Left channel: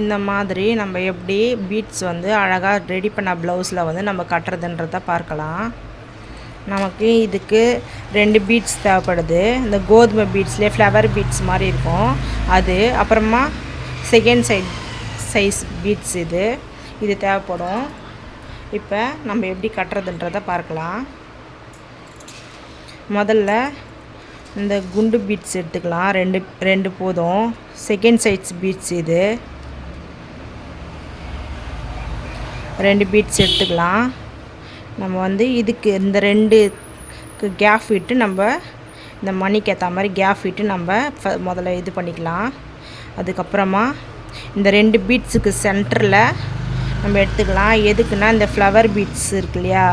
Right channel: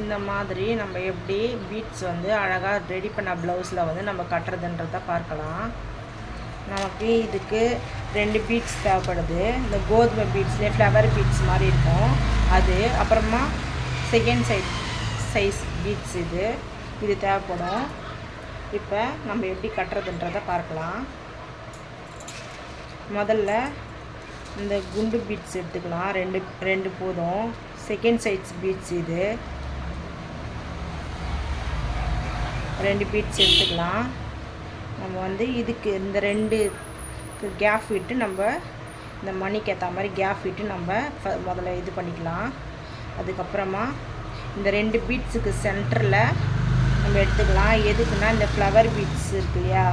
இந்த மாதிரி நம்ம எப்படி பீட்ஸ் வந்து அழகாக ரெடி பண்ண ப்ளவுஸில் வந்து நம்ம கட்டுறதுன்றதை பார்க்கலாம். நமக்கு இதுக்கு 2 பீட்ஸ் தேவைப்படுது. இந்த கோதுமை பீட்ஸ்லேயே ஃப்ளவர் பீட்ஸ் மாதிரி இருக்கும் அது, அப்புறமா செகண்ட் சைஸ் பீட்ஸ் இது தேவைப்படும். இப்போ நம்ம எப்படி கட்டுறதுன்றதை பார்க்கலாம். முதல்ல இந்த குண்டு பீட்ஸ் எடுத்துக்கலாம். ரெண்டு போதும். செகண்ட் சைஸ் பீட்ஸ் இது 2 பீட்ஸ் எடுத்துக்கலாம். நம்ம வந்து இதுக்கு இந்த 2க்கு கேப் விட்டு நம்ம இந்த மணிக்கு ஏற்ற மாதிரி கேப் விட்டு நம்ம முதல்ல இது பண்ணிக்கலாம். அதுக்கப்புறமா இந்த 2 பீட்ஸுக்கு சென்டரில் நம்ம எடுத்துக்கலாம். எதுக்குன்னா இந்த ஃப்ளவர் பீட்ஸ் இருக்கு இல்லையா,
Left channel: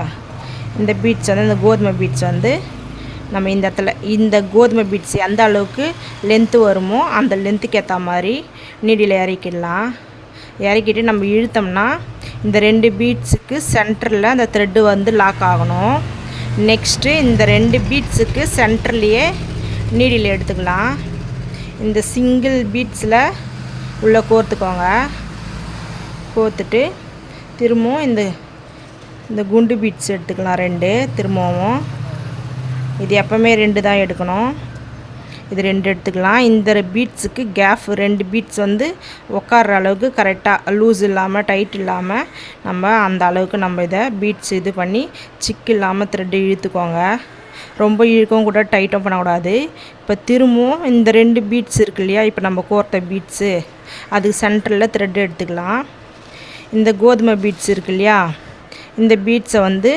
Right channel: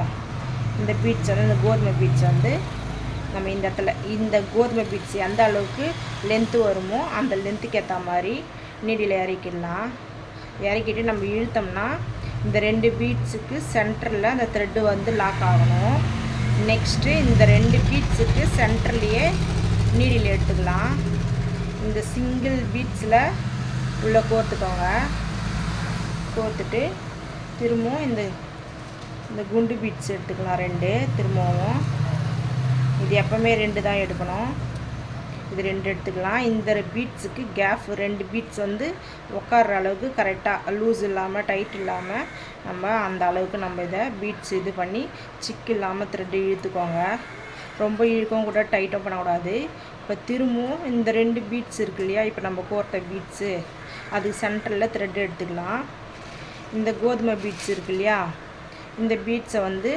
இந்த பீட்ஸ் வந்து இந்த கோதுமை பீட்ஸ் வந்து நம்ம இந்த இடத்துல இந்த கோதுமை பீட்ஸ் எந்த அளவுக்கு லென்த்து வருமோ அந்த லென்த்துக்கு ஏற்ற மாதிரி நீடியில் இறக்கிடலாம். இறக்கிட்டு நம்ம இழுத்தோம்னா இந்த 2 பீட்ஸுக்கு சென்டரில் அந்த த்ரெட்டு வந்து லாக் ஆகணும். நெக்ஸ்ட்டு இந்த 2 பீட்ஸுக்கு சென்டர்லேயே நீடில் எடுத்துக்கலாம். இந்த சிங்கிள் பீட்ஸில் உள்ளே கோர்த்துக்கோங்க. கோர்த்துட்டு திரும்பவும் இந்த குண்டு பீட்ஸ் எடுத்துக்கலாம் 2. திரும்பவும் இது எப்போவுமே 2 தான் எடுக்கணும். இது 2 எடுத்துக்கலாம். இந்த பீட்ஸுக்கு கேப் 2 பீட்ஸ் வந்து உட்கார்ற அளவுக்கு கரெக்டாக லூஸ் இல்லாமல் டைட் இல்லாமல் நம்ம அந்த அளவுக்கு நம்ம இதை பீட்ஸ் இது பண்ணி சிக்கு இல்லாமல் த்ரெட்டு இழுத்துக்கோங்க. ரொம்ப இழுக்கவும் கூட டைட்டும் பண்ணக்கூடாது. இப்போ திரும்பவும் இந்த 2 பீட்ஸ் இருக்கு இல்லையா, இப்போ நம்ம கோர்த்த பீட்ஸு அதுக்கு சென்டரில் த்ரெட்டு எடுத்துக்கலாம். இந்த கோதுமை பீட்ஸ் இருக்கு இல்லையா, இந்த பீட்ஸை வந்து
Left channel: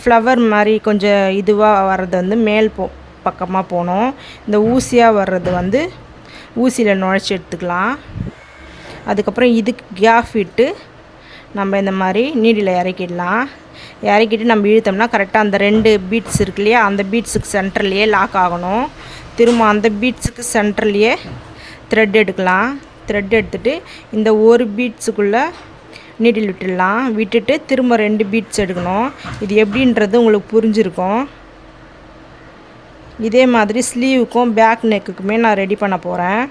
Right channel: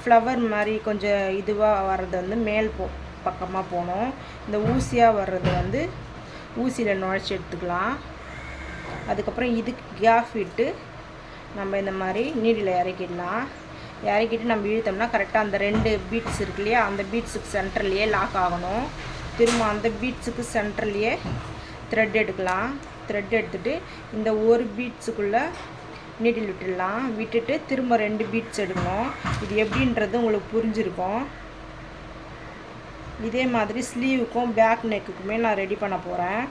ஃப்ளவர் மாதிரி கொஞ்சம் இதுவாக வர்றது வந்து மேல் பக்கமாக போகணும். இந்த ஊசியாக வர்றது வந்து ஊசியில் நுழைச்சி எடுத்துக்கலாம். அதுக்கப்புறம் இதுக்கு கேப் விட்டு நம்ம இந்த மாதிரி நீடில் இறக்கிடலாம். இறக்கிட்டு நம்ம இழுத்தோம்னா கரெக்டாக அந்த 2 பீட்ஸ் இருக்கு இல்லையா, அந்த பீட்ஸுக்கு சென்டர்லேயே லாக் ஆகணும். திரும்ப அந்த பீட்ஸுக்கு சென்டர்லேயே த்ரெட் எடுக்கலாம். த்ரெட் எடுத்துகிட்டு இந்த ஒரு பீட்ஸுக்குள்ளே நீடில் விட்டுடலாம். விட்டுட்டு திரும்ப 2 பீட்ஸ் எடுக்கணும். இது எப்படின்றது உங்களுக்கு புரிஞ்சிருக்கும். இதே மாதிரி ஸ்லீவுக்கும் பேக் நெக்குக்குமே நான் ரெடி பண்ண போகிறேன்.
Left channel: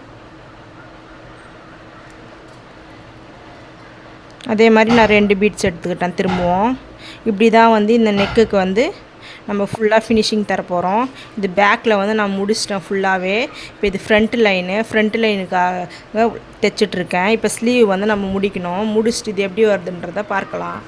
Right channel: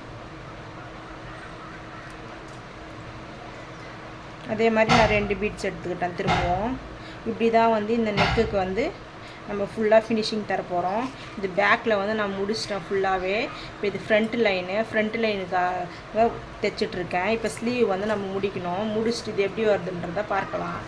அதே மாதிரி நான் 2 பீட்ஸ் எடுத்துக்கிட்டேன். திரும்பவும் இப்படி தான் வந்து இந்த நெக்குக்கு வந்து நம்ம ஃபுல்லாக ஃபினிஷிங் தரப்போகிறோம். இது பேக்கில் வந்து நான் முடிச்சிட்டேன் ஃபுல்லாகவே. இப்போ இது ஃப்ரண்ட் லைனுக்காக தைச்சிட்ருக்கேன். இப்போ ஸ்லீவ் வந்து நம்ம முடிக்கணும். முடிச்சுட்டு இது எப்படி வருதுன்றதை பார்க்கலாம்.